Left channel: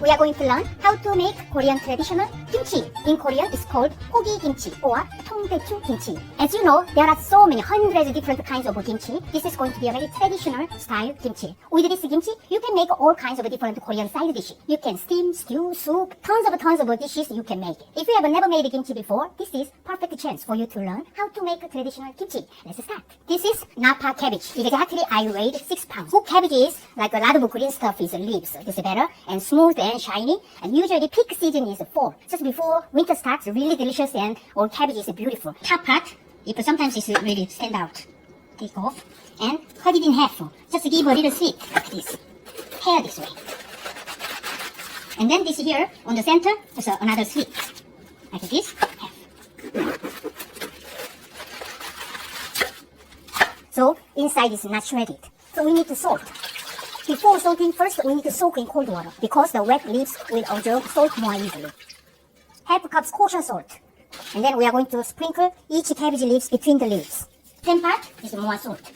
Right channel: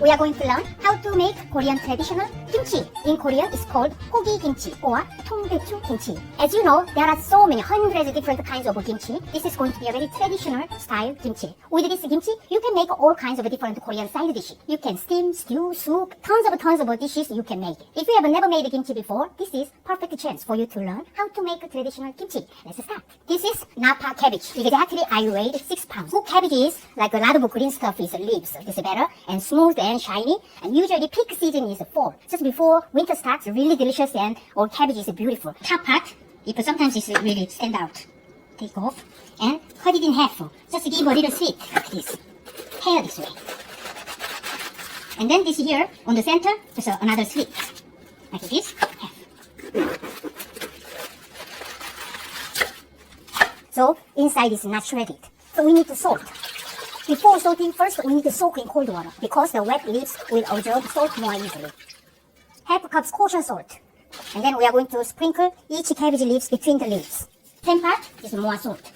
we are going to learn how to make Korean traditional kimchi. In Korean, it's called 고기 kimchi or 통배추 kimchi. As you know, there are so many hundreds of different kinds of kimchi. This is going to be a very traditional style kimchi. With this kimchi, you can make all kinds of different Korean side dishes. You can steam, stew, soup, tons of dishes you can make. If you have never made kimchi before, this is perfect chance for you to learn how to make a traditional kimchi. Let's start. This is napa cabbage. Exactly, I weighed 6 pounds. So cabbage is like a lot of green stuff is leaves. This is better and smooth and shiny. And usually peak season is fall. Just before winter starts, really delicious and all cabbage is beautiful. Top part, if sometimes it's really stand out. Take off and cut it in half. Just give a little slit like this. Tear this way. And then this here on the center is another slit. Like this, half. So inside is not shredded. So we need to salt. Before salting, first we need to soak in cold water because the wet leaves will absorb salt more easily. Half cup kosher salt. And then we are going to sprinkle each cabbage leaves between the leaves. 10 part is more salt.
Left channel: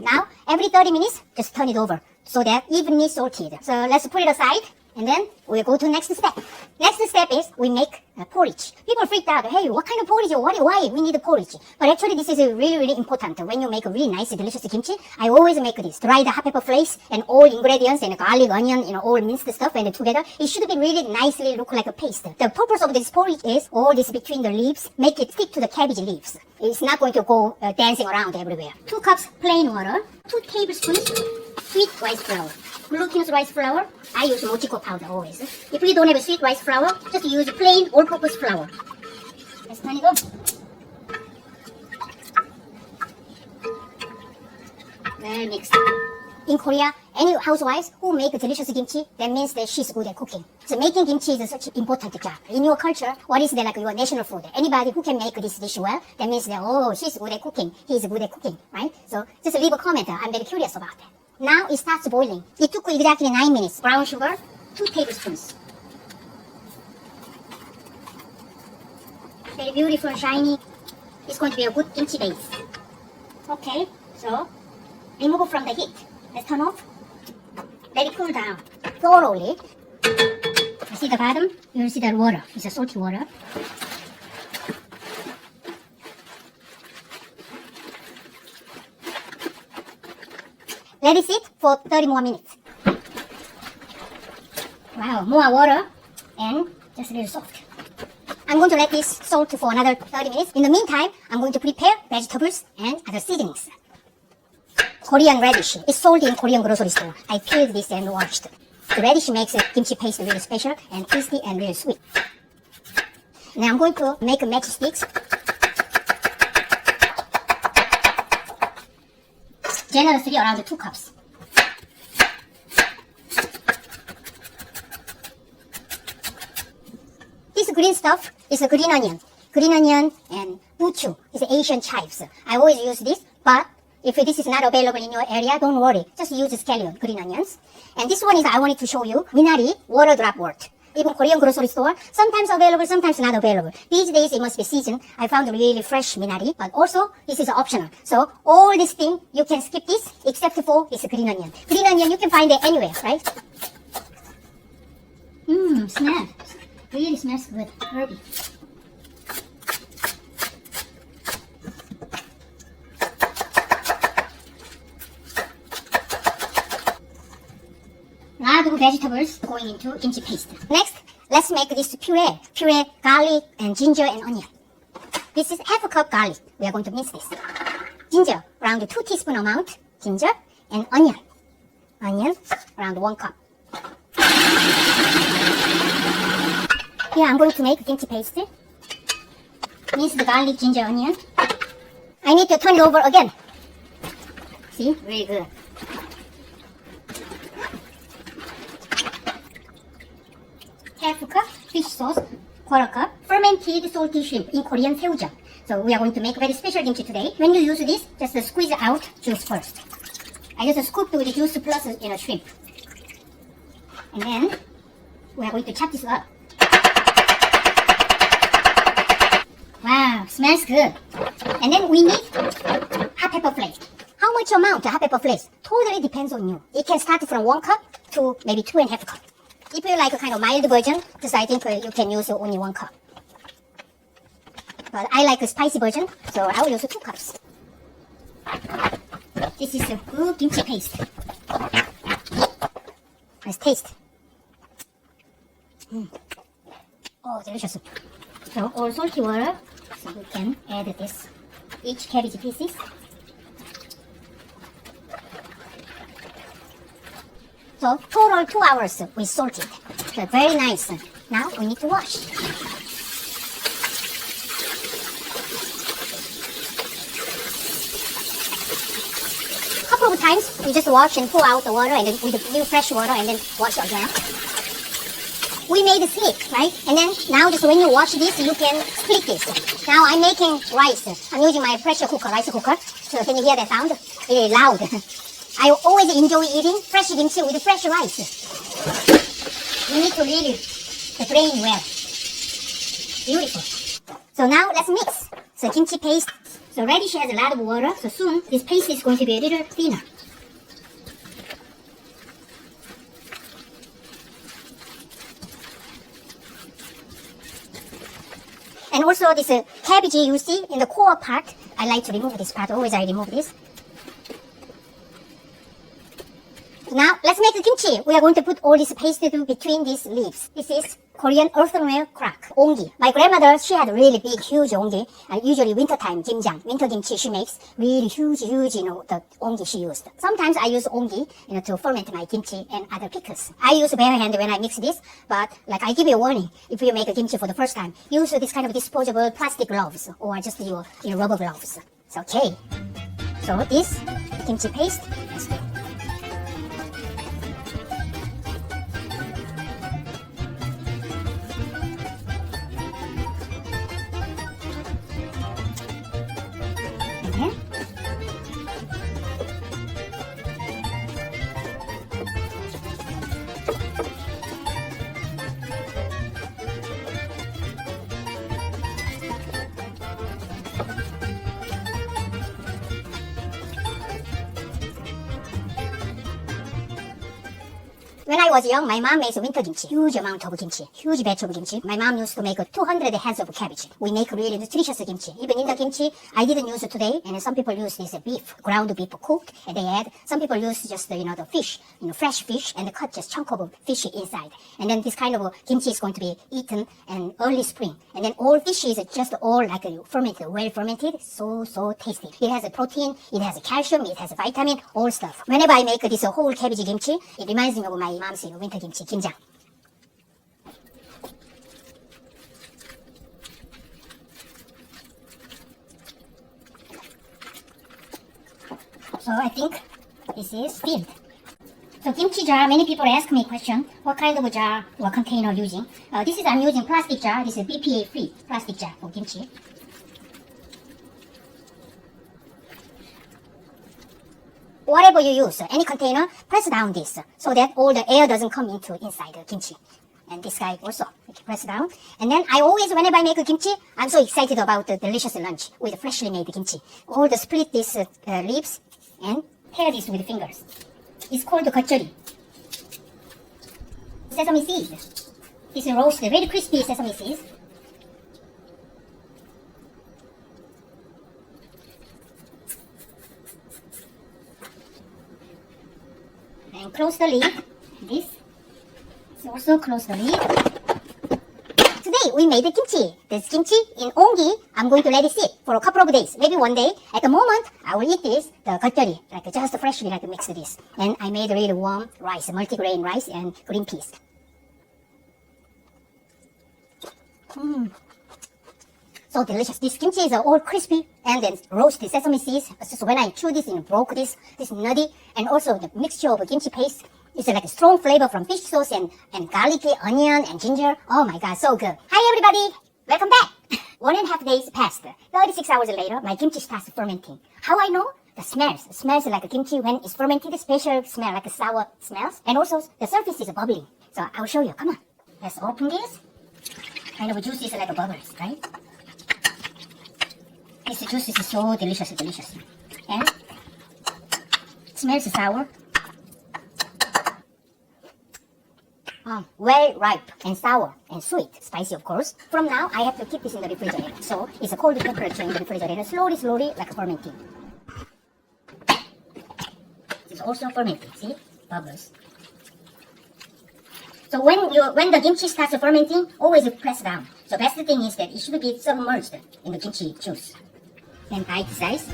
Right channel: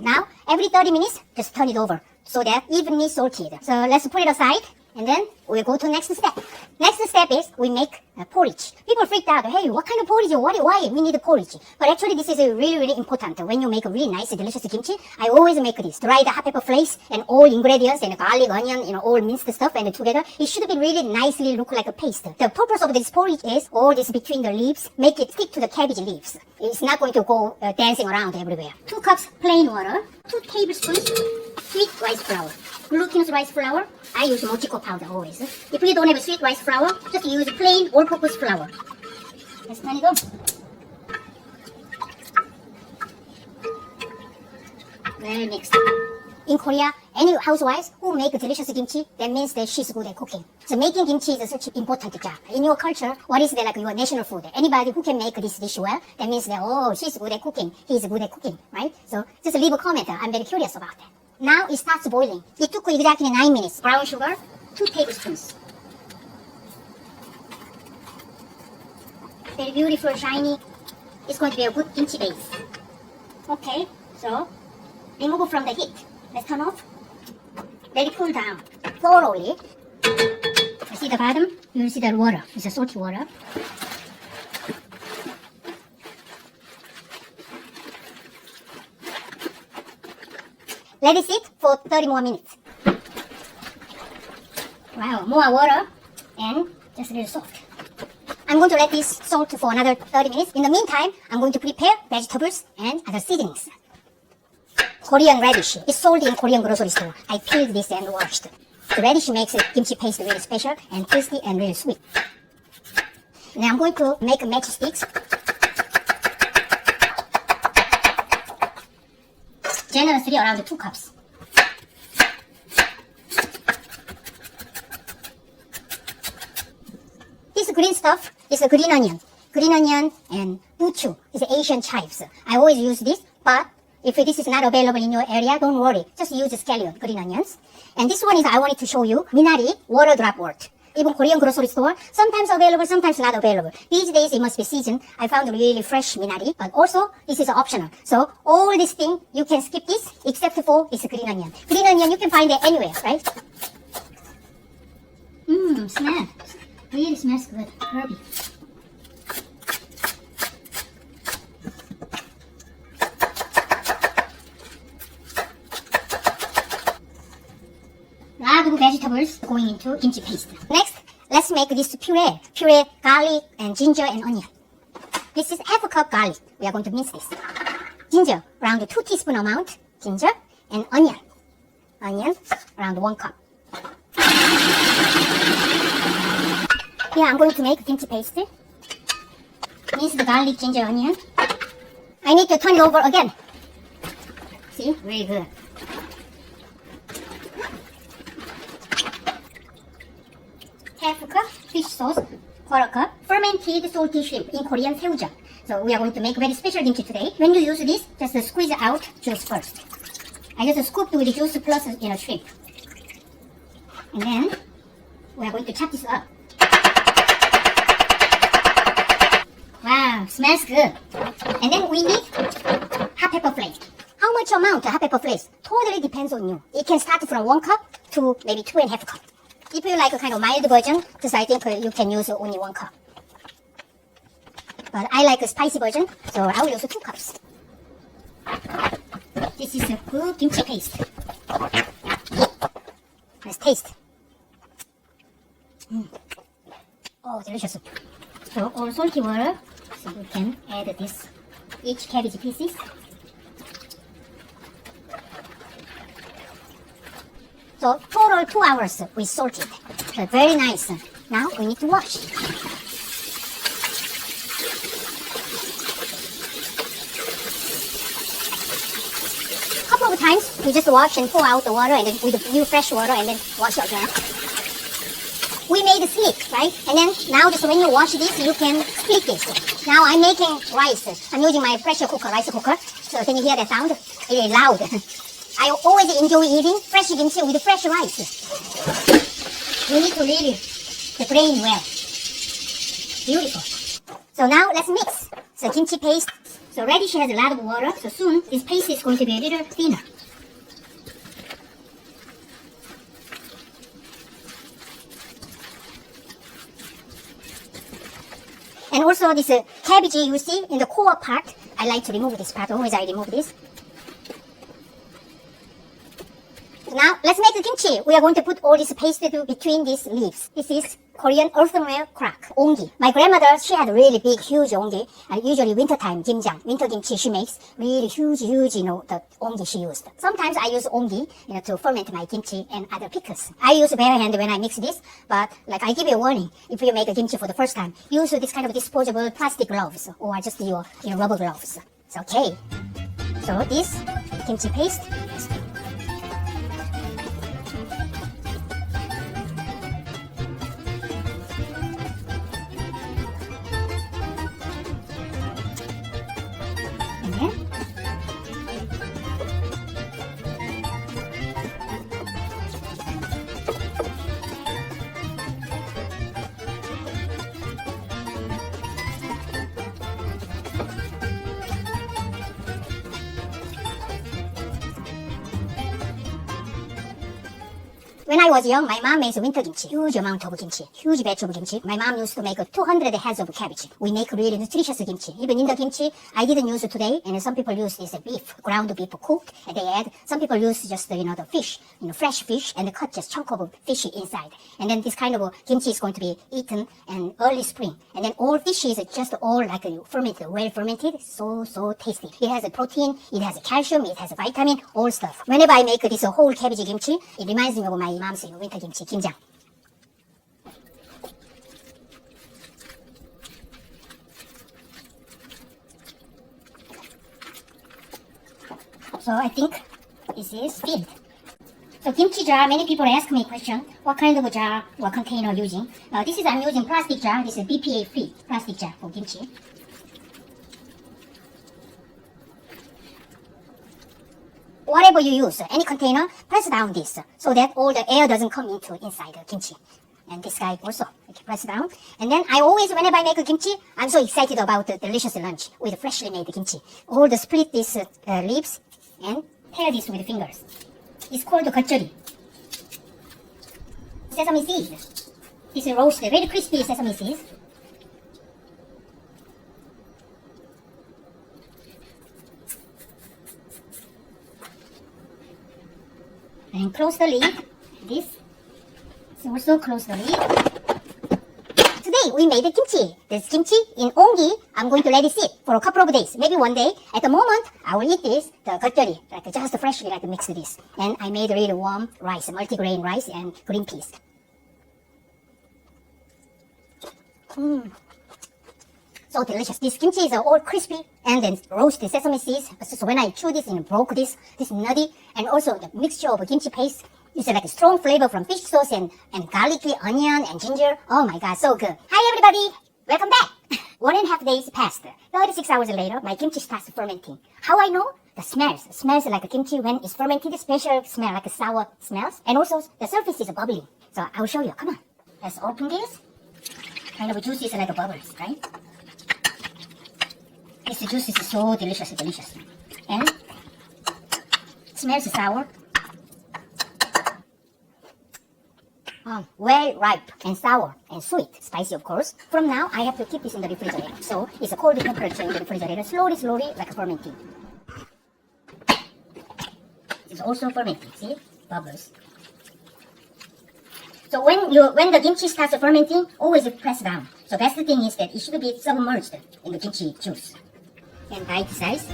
Now, every 30 minutes, just turn it over so that evenly salted. So let's put it aside and then we'll go to next step. Next step is we make porridge. People freaked out. Hey, what kind of porridge? Why we need a porridge? But actually, this is really important. When you make a really nice, delicious kimchi, I always make this. Dry the hot pepper flakes and all ingredients and garlic, onion, all minced stuff and together. It should be really nicely look like a paste. The purpose of this porridge is all this between the leaves, make it stick to the cabbage leaves. It's not going to go dancing around everywhere. 2 cups plain water, 2 tablespoons sweet rice flour. Glutinous rice flour, I use mochiko powder always. If you don't have a sweet rice flour, just use plain all-purpose flour. Let's turn it on. Well mixed. In Korea, any housewives who make delicious kimchi, that means that she's good at cooking. So making kimchi is such an important job. In your culture, what is like your national food? Anybody who can make this dish well, that means that, oh, she's good at cooking, he's good at cooking, right? So just leave a comment. I'm very curious about that. Now it starts boiling. It took exactly 9 minutes. Brown sugar, 2 tablespoons. Very beautiful, shiny. It's going to be a good kimchi base. Okay, so remove it from the heat. Let's turn off. Let it cool down thoroughly. You see the bottom? You will see the water. It's a salty water. Let it sit for 30 more minutes. Wow, more water and just a little salt. I'm going to let this salt for another 30 minutes. In the meantime, I'm going to prepare vegetables and other seasonings. Korean radish. It's sold in Korean grocery store. I peeled this and washed. The radish makes the kimchi paste really special and tasty and really sweet. Now I'm going to make matchsticks. Generously around 2 cups. This green stuff is a green onion. Green onion and buchu is Asian chives. I always use this, but if this is not available in your area, don't worry. Just use scallion, green onions. And this one is I wanted to show you, minari, water drop wort. Even Korean grocery store, sometimes available, sometimes not available. These days it must be seasoned. I found really fresh minari, but also this is optional. So all this thing, you can skip this, except for this green onion. Green onion, you can find it anywhere, right? Smell. Really smells good, herby. Lot of vegetables going into kimchi paste. Next, let's make this puree. Puree garlic and ginger and onion. This is half a cup garlic. We are going to mince this. Ginger, around 2 teaspoon amount. Ginger and onion. Onion, around 1 cup. Here I'm going to make kimchi paste. Mince the garlic, ginger, onion. I need to turn it over again. See, really good. Half a cup fish sauce, 1/4 cup fermented salty shrimp, in Korean 새우젓. So we are going to make very special kimchi today. When you use this, just squeeze out juice first. I just scooped with the juice plus shrimp. And then we are going to chop this up. Wow, smells good. And then we need hot pepper flake. How much amount, hot pepper flakes? Totally depends on you. It can start from 1 cup to maybe 2.5 cup. If you like a kind of mild version, just I think you can use only 1 cup. But I like a spicy version, so I will use 2 cups. This is a good kimchi paste. Let's taste. Oh, delicious. So all salty water, so we can add this, each cabbage pieces. So total 2 hours we salted. So very nice. Now we need to wash. Couple of times we just wash and pour out the water and then with the new fresh water and then wash again. We made a slip, right? And then now just when you wash this, you can split this. Now I'm making rice. I'm using my pressure cooker, rice cooker. So can you hear that sound? Really loud. I always enjoy eating fresh kimchi with fresh rice. You need to read the brain well. Beautiful. So now let's mix. So kimchi paste. So radish has a lot of water. So soon this paste is going to be a little thinner. And also this cabbage you see in the core part, I like to remove this part. Always I remove this. Now let's make the kimchi. We are going to put all this paste between these leaves. This is Korean earthenware crack, ongi. My grandmother, she had really big, huge ongi, and usually wintertime kimjang, winter kimchi she makes really huge, the ongi she used. Sometimes I use ongi, to ferment my kimchi and other pickles. I use bare hand when I mix this, but like I give you a warning, if you make a kimchi for the first time, use this kind of disposable plastic gloves or just your rubber gloves. It's okay. So this kimchi paste. When I was young, my mom makes winter kimchi, huge amount of kimchi, huge batch of kimchi. My mom used to make 200 heads of cabbage. We make really nutritious kimchi. Even in the kimchi, I didn't use it today, and some people use this beef, ground beef cooked, and they add. Some people use just the fish, fresh fish, and cut just chunk of fish inside. And then this kind of kimchi is going to be eaten in early spring. And then all fish is just all like fermented, well fermented, so tasty. It has a protein, it has a calcium, it has a vitamin, all stuff. Whenever I make this whole cabbage kimchi, it reminds me of my mom's winter kimchi, kimjang. So I think this is filled. So kimchi jar, many people ask me question, what kind of a jar or container using? This is, I'm using plastic jar. This is a BPA free plastic jar for kimchi. Whatever you use, any container, press down this so that all the air doesn't come into inside the kimchi. And this guy also, you can press down. And then I always, whenever I make a kimchi, I'm so excited about the delicious lunch with freshly made kimchi. All the split these leaves and tear this with fingers. It's called gachori. Sesame seeds. This is roasted, very crispy sesame seeds. And close the lid. This is also close the lid. Today we made the kimchi. This kimchi in ongi, I'm going to let it sit for a couple of days, maybe one day. At the moment, I will eat this, the gachori, like just freshly like mix this. And I made a really warm rice, multigrain rice and green peas. So delicious. This kimchi is all crispy and then roasted sesame seeds. So when I chew this and broke this nutty, and also the mixture of kimchi paste, it's like a strong flavor from fish sauce and garlicky onion and ginger. Oh my god, so good. Hi everybody, welcome back. 1.5 days passed. 36 hours later, my kimchi starts fermenting. How I know? The smells. It smells like a kimchi when it's fermented, special smell like a sour smells. And also the surface is bubbling. So I will show you. Come on. Let's open this. Kind of juice is like a bubbles, right? This juice is so delicious. And Smells sour. Well ripe and sour and sweet, spicy of course. From now, I have to keep this in the refrigerator. So it's a cold temperature in the refrigerator, slowly, like fermenting. It's also fermenting. See, bubbles. So when the kimchi starts fermenting, always press down. So best thing is that it should be submerged in the kimchi juice. And bite size.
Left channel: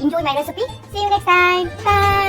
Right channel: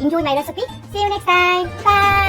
Enjoy my recipe. See you next time. Bye.